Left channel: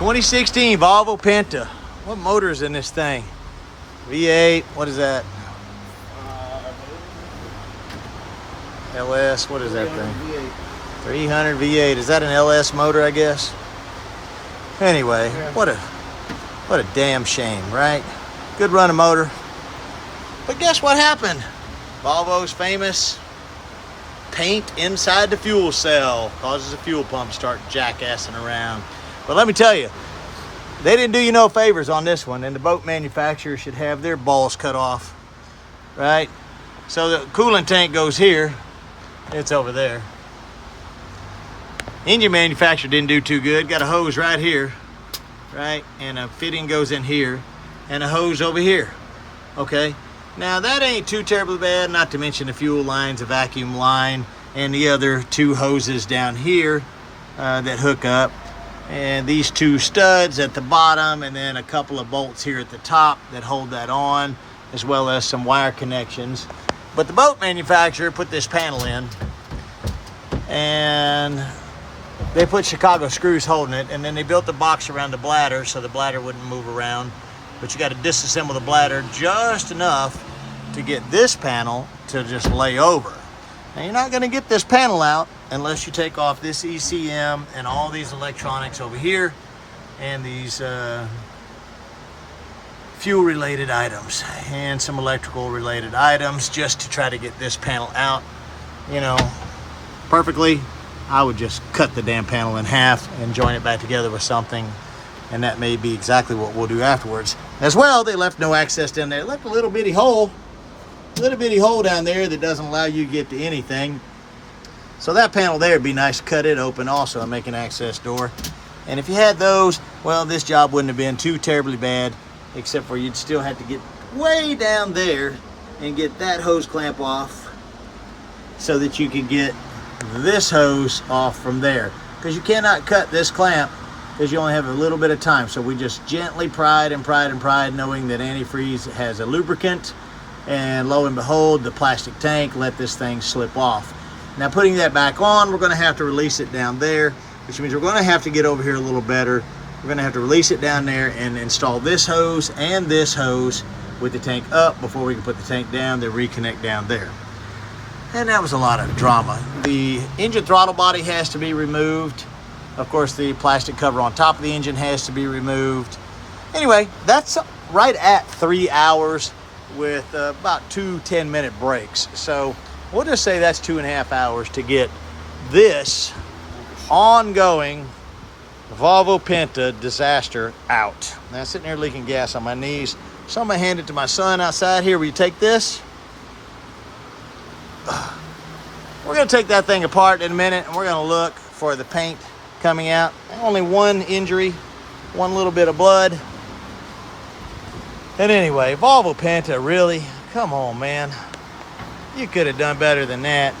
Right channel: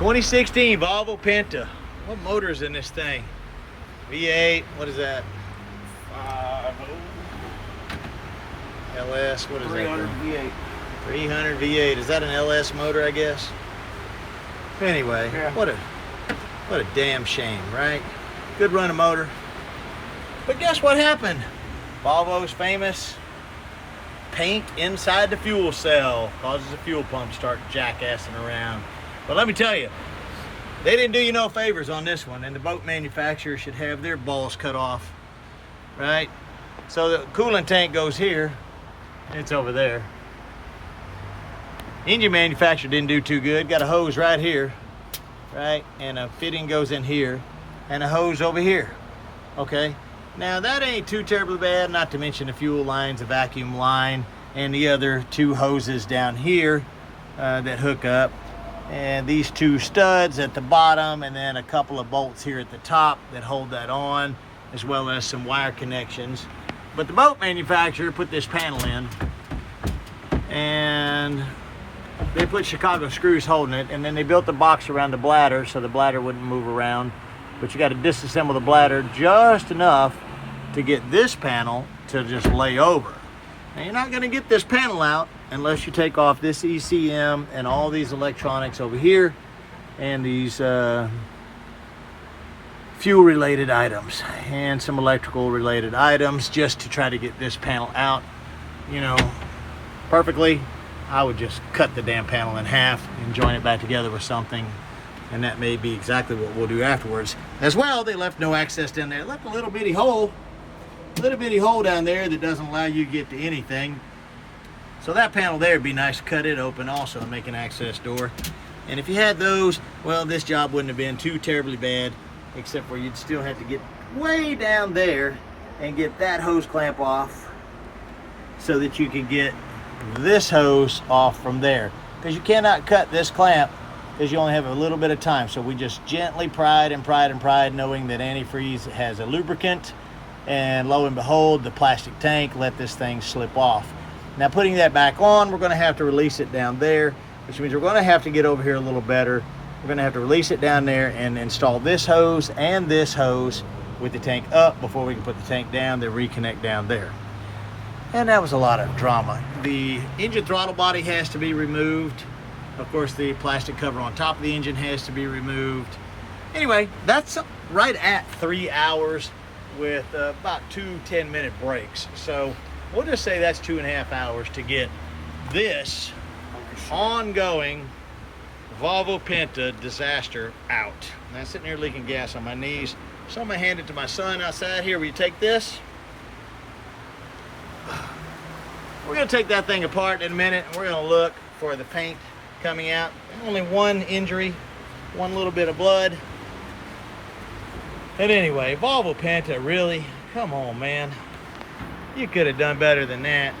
2016 Volvo Penta. What motor is in this thing? V8, what is that? LS, what is that thing? V8. 300 V8, is that an LS motor, I guess? Anyway, Yeah. what a damn shame, right? Good running motor. But guess what happened? Volvo's famous paint inside the fuel cell causes the fuel pump to start jackassing around. But let me tell you, they didn't do you no favors on this one, and the boat manufacturer should have their balls cut off, right? So the coolant tank goes here, it's over there. Engine manufacturer didn't do too good. Got a hose right here, right? And a fitting goes in here, and a hose over here, okay? Now that ain't too terribly bad, not to mention the fuel lines, the vacuum line, and the other two hoses down here that hook up. And these two studs at the bottom, and then a couple of bolts here at the top that hold that on, as well as some wire connections. But the boat manufacturer put this panel in, and they put Chicago screws holding it, and then they built the box around the bladder so the bladder wouldn't move around. But you got to disassemble the bladder just enough to get this panel to just lay over. Now you're not going to get this panel out unless you take off this ECM and all these electronics over here and these fuel related items and some electrical related items, just to try to get this panel out. You know, perfectly, I would just cut the damn panel in half and join it back together with something, and that may be exactly what we'll do afterwards. As well, they left no access down there. Left a little bitty hole down there that doesn't allow you to get to anything. So that panel there would be nice to cut it open also and make an access door. And if you had those, well, this job wouldn't have been too terribly bad, except for you'd still have to get way down there and get that hose clamp off so that you can get this hose off from there. Because you cannot cut this clamp because you only have a little bit of time. So we just gently pried and pried and pried, knowing that antifreeze has a lubricant, and lo and behold, the plastic tank let this thing slip off. Now putting that back on, we're going to have to release it down there, which means we're going to have to get over here a little better. We're going to have to release it down there and install this hose and this hose with the tank up before we can put the tank down, then reconnect down there. And that was a lot of drama. The engine throttle body has to be removed. Of course, the plastic cover on top of the engine has to be removed. Anyway, that's right at 3 hours with about 2 10-minute breaks. So we'll just say that's 2.5 hours to get this ongoing Volvo Penta disaster out. Now I'm sitting here leaking gas on my knees. So I'm gonna hand it to my son outside here. Will you take this? We're gonna take that thing apart in a minute, and we're gonna look for the paint coming out. Only one injury, one little bit of blood. And anyway, Volvo Penta, really? Come on, man. You could have done better than that.